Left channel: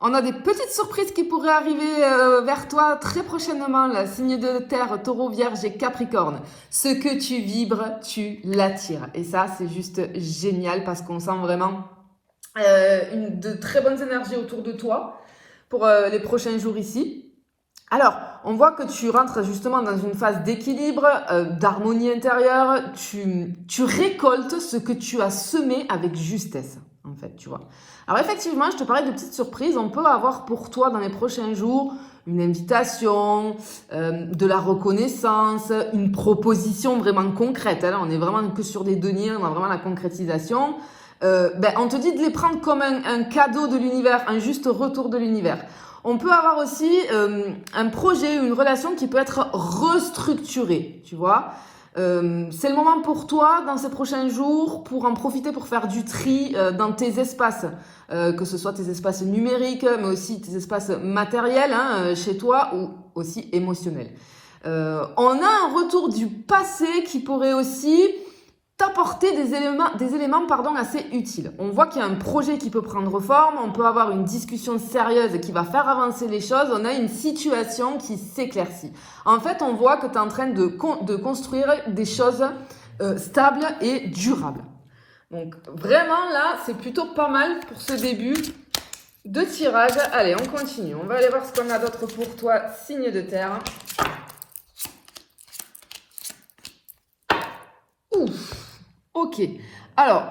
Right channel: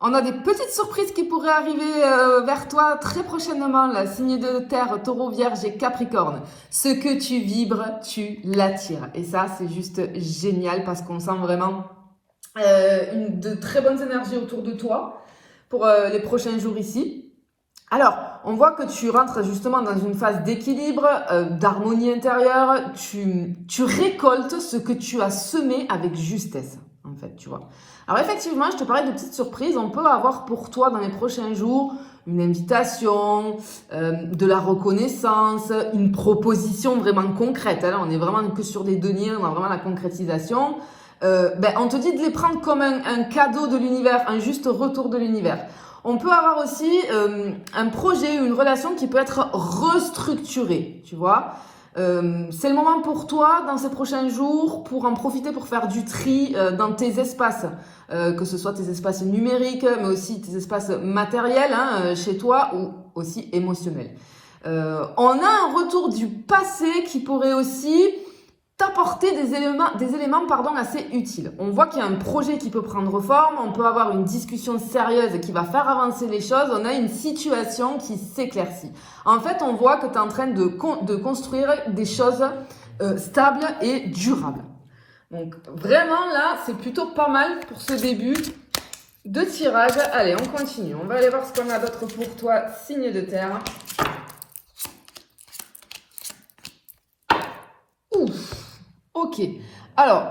On a des petites surprises qui pourraient arriver vers toi très prochainement, là. Signe de terre, taureau, vierge et capricorne. Ce que tu vibres, tu l'attires. Et ça, c'est juste génial parce qu'on sent vraiment de très bonnes énergies autour de toi pour les prochains jours ici. Alors, on voit que tu rentres justement dans une phase d'équilibre, d'harmonie intérieure. Tu récoltes ce que tu as semé avec justesse, en fait, tu vois. Alors effectivement, je te parlais de petites surprises. On peut avoir pour toi dans les prochains jours une invitation, de la reconnaissance, une proposition vraiment concrète. Hein. On est vraiment que sur des deniers, on a vraiment la concrétisation. On te dit de les prendre comme un cadeau de l'univers, un juste retour de l'univers. On peut avoir aussi un projet, une relation qui peut être restructurée, tu vois. C'est le moment pour toi, dans ces prochains jours, pour en profiter pour faire du tri dans tes espaces, que ce soit tes espaces numériques, mais aussi tes espaces matériels chez toi ou aussi émotionnels. On a un retour du passé qui pourrait aussi t'apporter des éléments assez utiles. On voit qu'il y a un projet qui peut prendre forme, on peut avoir une discussion sérieuse qui va faire avancer les choses, on a une situation qui s'éclaircit. En fait, on voit que tu es en train de construire des choses stables et durables. Donc vraiment là, c'est plutôt pas mal pour ce début de tirage. Allez, on continue. On va aller voir ce qu'on a d'autre pour toi, signe de terre. Ouf. Ok, alors,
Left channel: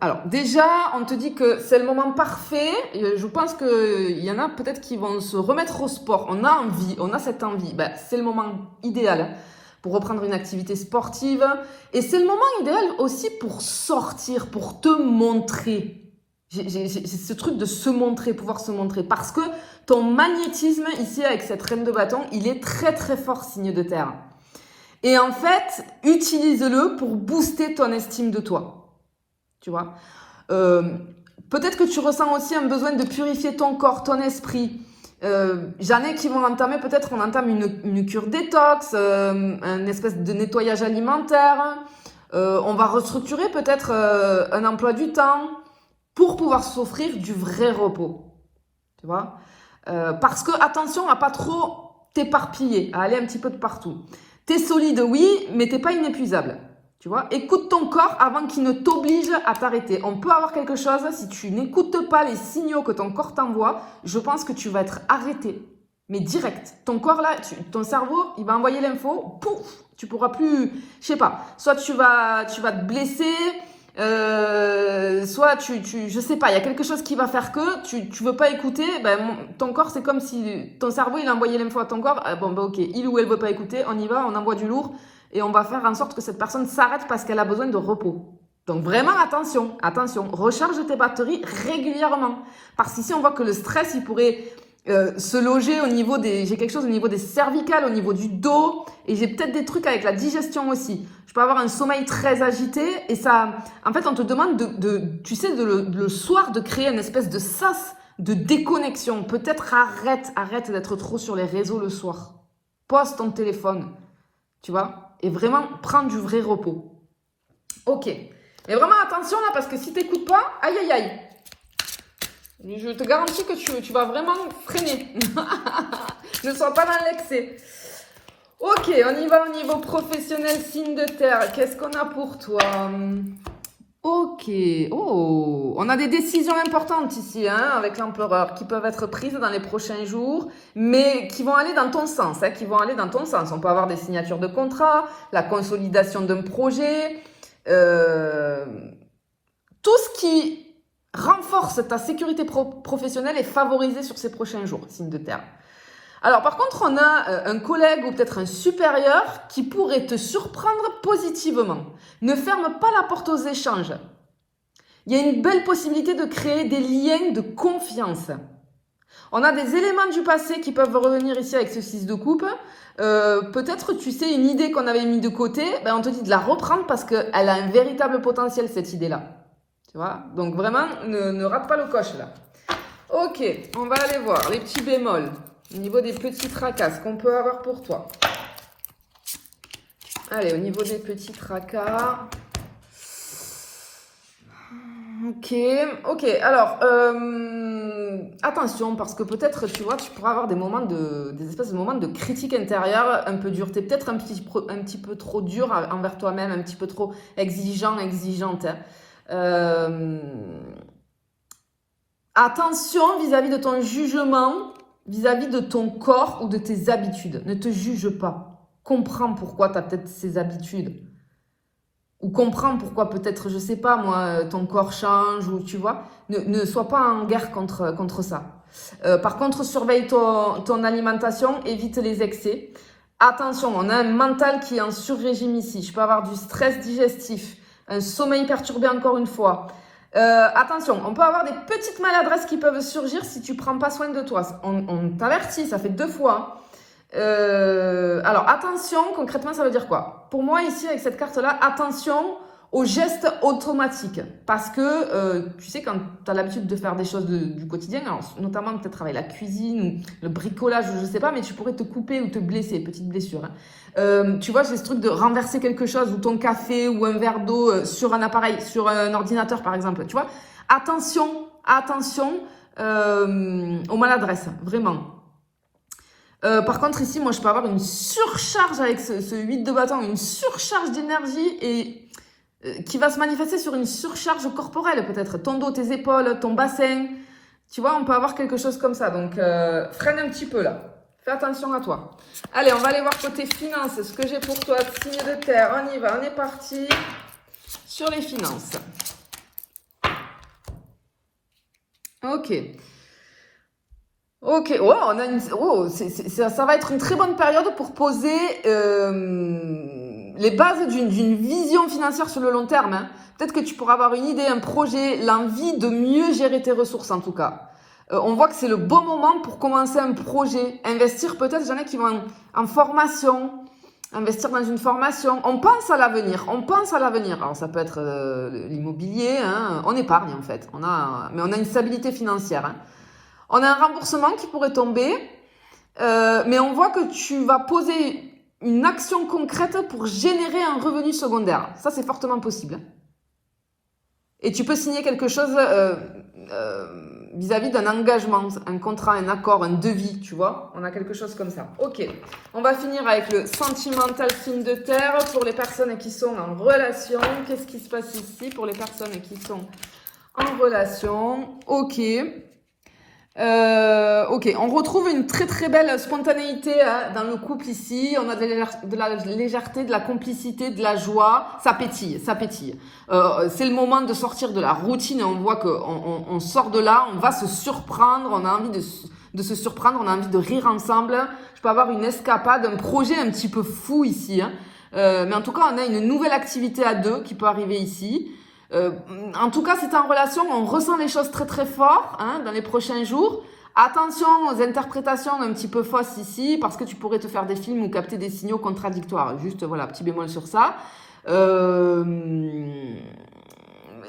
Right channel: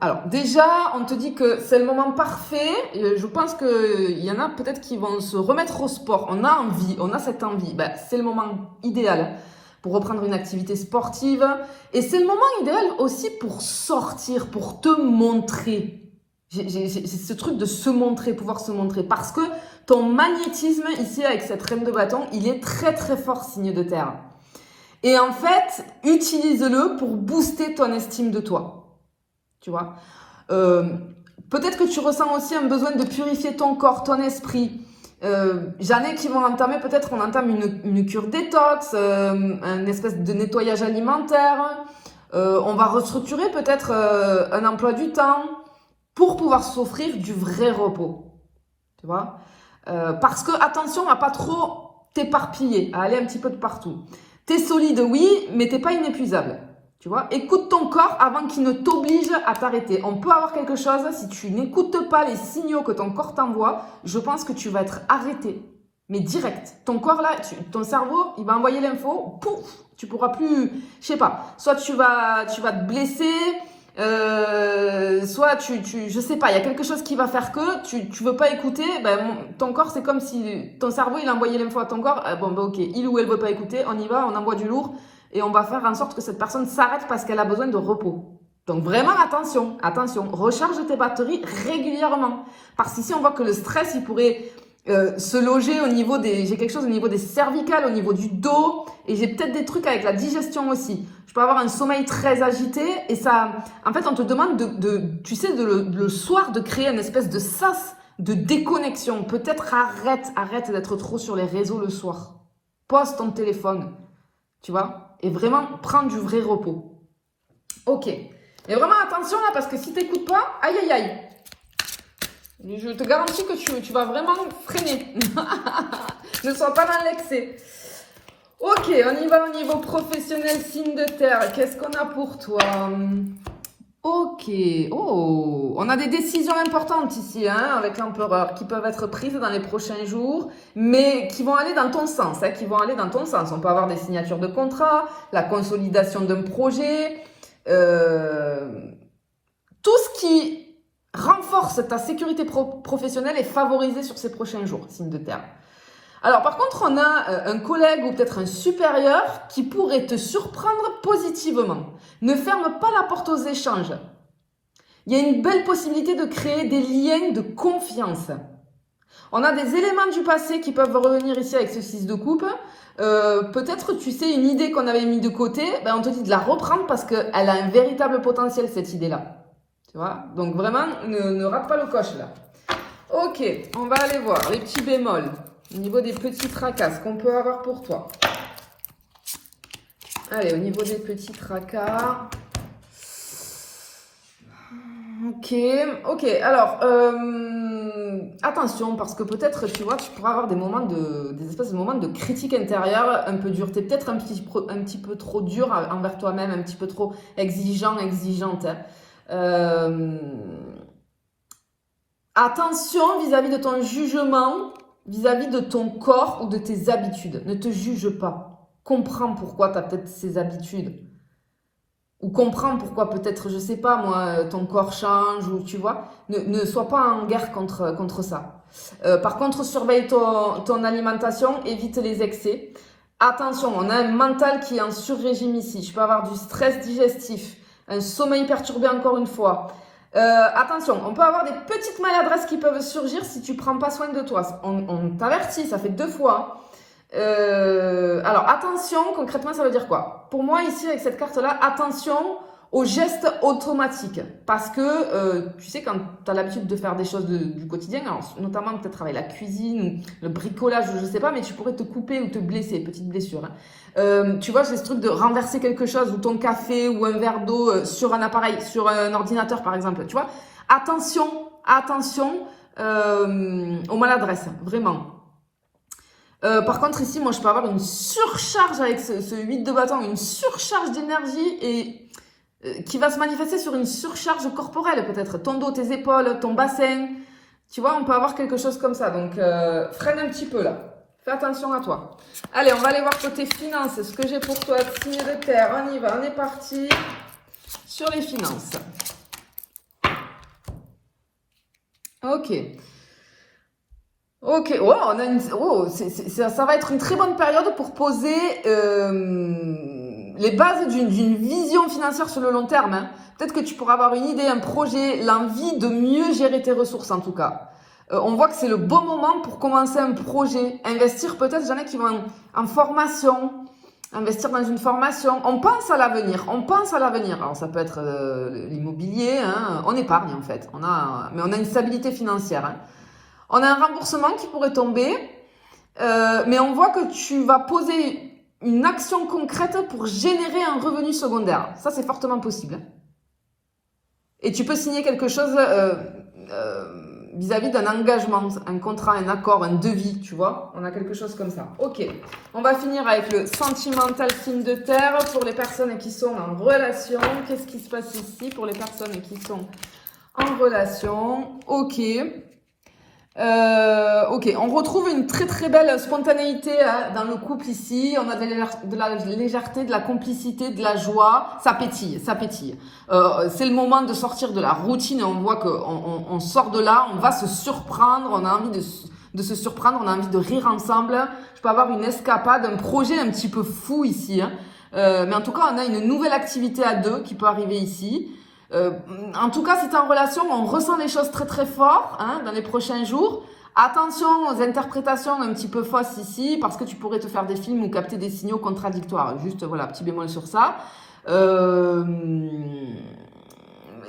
alors déjà, on te dit que c'est le moment parfait. Je pense qu'il y en a peut-être qui vont se remettre au sport. On a envie, on a cette envie. C'est le moment idéal pour reprendre une activité sportive. Et c'est le moment idéal aussi pour sortir, pour te montrer. J'ai ce truc de se montrer, pouvoir se montrer. Parce que ton magnétisme ici avec cette reine de bâton, il est très très fort, signe de terre. Et en fait, utilise-le pour booster ton estime de toi. Tu vois, peut-être que tu ressens aussi un besoin de purifier ton corps, ton esprit. J'en ai qui vont entamer, peut-être on entame une cure détox, une espèce de nettoyage alimentaire. On va restructurer peut-être un emploi du temps pour pouvoir s'offrir du vrai repos. Tu vois, parce que attention à pas trop t'éparpiller, à aller un petit peu de partout. T'es solide, oui, mais t'es pas inépuisable. Tu vois, écoute ton corps avant qu'il ne t'oblige à t'arrêter. On peut avoir quelque chose, si tu n'écoutes pas les signaux que ton corps t'envoie, je pense que tu vas être arrêté. Mais direct. Ton corps là, ton cerveau, il va envoyer l'info, pouf, tu pourras plus, je sais pas, soit tu vas te blesser, soit je sais pas, il y a quelque chose qui va faire que tu veux pas écouter, ton corps c'est comme si ton cerveau il envoyait l'info à ton corps, ok, il ou elle veut pas écouter, on y va, on envoie du lourd et on va faire en sorte que cette personne s'arrête parce qu'elle a besoin de repos. Donc vraiment attention, recharge tes batteries régulièrement. Parce qu'ici on voit que le stress il pourrait se loger au niveau j'ai quelque chose au niveau des cervicales, au niveau du dos, et j'ai peut-être des trucs avec la digestion aussi. Je peux avoir un sommeil très agité, et ça, en fait, on te demande tu sais, le soir, de créer une espèce de sas de déconnexion. Peut-être arrête d'être trop sur les réseaux le soir. Pose ton téléphone, tu vois, et vraiment prends du vrai repos. Ok. Mais vraiment attention là, parce que si t'écoutes pas, aïe aïe aïe. Je te garantis que tu vas vraiment freiner. Ne sois pas dans l'excès. Ok, on y va au niveau professionnel, signe de terre. Qu'est-ce qu'on a pour toi? Ok, on a des décisions importantes ici, avec l'empereur, qui peuvent être prises dans les prochains jours, mais qui vont aller dans ton sens, On peut avoir des signatures de contrat, la consolidation d'un projet, tout ce qui renforce ta sécurité professionnelle est favorisé sur ces prochains jours, signe de terre. Alors par contre, on a un collègue ou peut-être un supérieur qui pourrait te surprendre positivement. Ne ferme pas la porte aux échanges. Il y a une belle possibilité de créer des liens de confiance. On a des éléments du passé qui peuvent revenir ici avec ce 6 de coupe. Peut-être, tu sais, une idée qu'on avait mis de côté, on te dit de la reprendre parce qu'elle a un véritable potentiel, cette idée-là. Tu vois? Donc vraiment, ne rate pas le coche là. Ok, on va aller voir les petits bémols au niveau des petits tracas qu'on peut avoir pour toi. Allez, au niveau des petits tracas. Ok, ok. Alors, attention, parce que peut-être, tu vois, tu pourras avoir des espèces de moments de critique intérieure un peu durs. T'es peut-être un petit peu trop dur envers toi-même, un petit peu trop exigeante, hein. Euh, Attention vis-à-vis de ton jugement, vis-à-vis de ton corps ou de tes habitudes. Ne te juge pas. Comprends pourquoi tu as peut-être ces habitudes. Ou comprends pourquoi peut-être, je sais pas moi, ton corps change, ou tu vois. Ne sois pas en guerre contre ça. Par contre, surveille ton alimentation, évite les excès. Attention, on a un mental qui est en sur-régime ici. Je peux avoir du stress digestif, un sommeil perturbé encore une fois. Attention, on peut avoir des petites maladresses qui peuvent surgir si tu prends pas soin de toi. On t'avertit, ça fait 2 fois. Alors attention, concrètement ça veut dire quoi? Pour moi ici avec cette carte là, attention aux gestes automatiques, parce que tu sais quand tu as l'habitude de faire des choses du quotidien, alors, notamment peut-être avec la cuisine ou le bricolage, je sais pas, mais tu pourrais te couper ou te blesser, petite blessure, hein. Tu vois, c'est ce truc de renverser quelque chose ou ton café ou un verre d'eau sur un appareil, sur un ordinateur par exemple, tu vois. Attention aux maladresses, vraiment. Par contre, ici, moi, je peux avoir une surcharge avec ce 8 de bâton, une surcharge d'énergie et qui va se manifester sur une surcharge corporelle, peut-être. Ton dos, tes épaules, ton bassin. Tu vois, on peut avoir quelque chose comme ça. Donc, freine un petit peu là. Fais attention à toi. Allez, on va aller voir côté finances. Ce que j'ai pour toi, signe de terre. On y va, on est parti sur les finances. Ok. Ok, oh, ça va être une très bonne période pour poser les bases d'une vision financière sur le long terme, hein. Peut-être que tu pourras avoir une idée, un projet, l'envie de mieux gérer tes ressources en tout cas. On voit que c'est le bon moment pour commencer un projet, investir peut-être, j'en ai qui vont en formation, investir dans une formation. On pense à l'avenir. Alors ça peut être l'immobilier, hein, on épargne en fait, mais on a une stabilité financière, hein. On a un remboursement qui pourrait tomber, mais on voit que tu vas poser une action concrète pour générer un revenu secondaire. Ça, c'est fortement possible. Et tu peux signer quelque chose vis-à-vis d'un engagement, un contrat, un accord, un devis, tu vois. On a quelque chose comme ça. Ok, on va finir avec le sentimental signe de terre pour les personnes qui sont en relation. Qu'est-ce qui se passe ici pour les personnes qui sont en relation? Ok. Ok, on retrouve une très très belle spontanéité là, dans le couple ici. On a de la légèreté, de la complicité, de la joie. Ça pétille, ça pétille. C'est le moment de sortir de la routine. On voit qu'on sort de là, on va se surprendre. On a envie de se surprendre, on a envie de rire ensemble. Je peux avoir une escapade, un projet un petit peu fou ici, hein. Mais en tout cas, on a une nouvelle activité à deux qui peut arriver ici. En tout cas, si tu es en relation, on ressent les choses très très fort, hein, dans les prochains jours. Attention aux interprétations un petit peu fausses ici, parce que tu pourrais te faire des films ou capter des signaux contradictoires. Juste, voilà, petit bémol sur ça.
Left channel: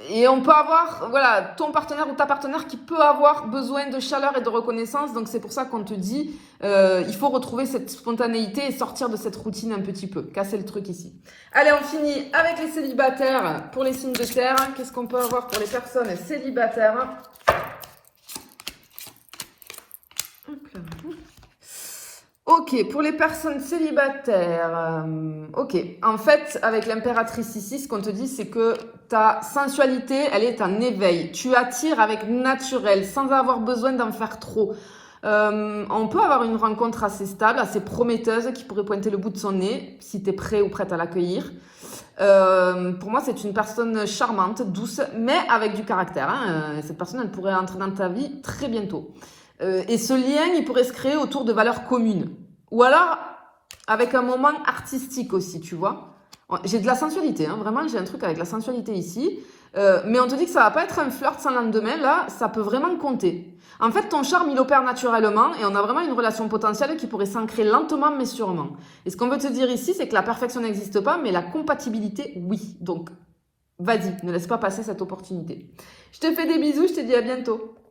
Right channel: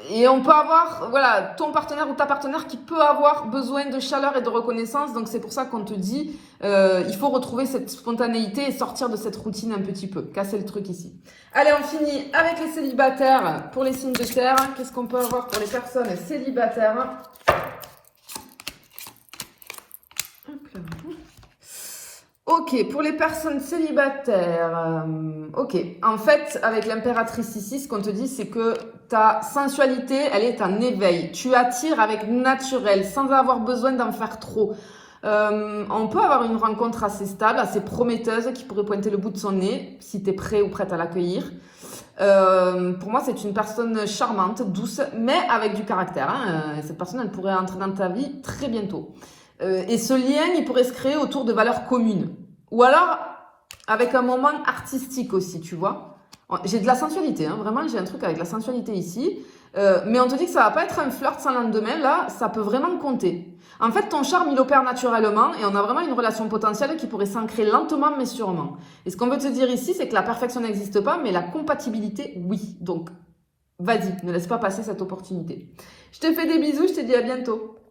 Et on peut avoir, voilà, ton partenaire ou ta partenaire qui peut avoir besoin de chaleur et de reconnaissance. Donc, c'est pour ça qu'on te dit, il faut retrouver cette spontanéité et sortir de cette routine un petit peu. Casser le truc ici. Allez, on finit avec les célibataires. Pour les signes de terre, qu'est-ce qu'on peut avoir pour les personnes célibataires? Ok, pour les personnes célibataires, ok. En fait, avec l'impératrice ici, ce qu'on te dit, c'est que ta sensualité, elle est en éveil. Tu attires avec naturel, sans avoir besoin d'en faire trop. On peut avoir une rencontre assez stable, assez prometteuse, qui pourrait pointer le bout de son nez, si tu es prêt ou prête à l'accueillir. Pour moi, c'est une personne charmante, douce, mais avec du caractère, hein. Cette personne, elle pourrait entrer dans ta vie très bientôt. Et ce lien, il pourrait se créer autour de valeurs communes. Ou alors, avec un moment artistique aussi, tu vois. J'ai de la sensualité, hein, vraiment, j'ai un truc avec la sensualité ici. Mais on te dit que ça va pas être un flirt sans lendemain, là, ça peut vraiment compter. En fait, ton charme, il opère naturellement et on a vraiment une relation potentielle qui pourrait s'ancrer lentement mais sûrement. Et ce qu'on veut te dire ici, c'est que la perfection n'existe pas, mais la compatibilité, oui. Donc, vas-y, ne laisse pas passer cette opportunité. Je te fais des bisous, je te dis à bientôt.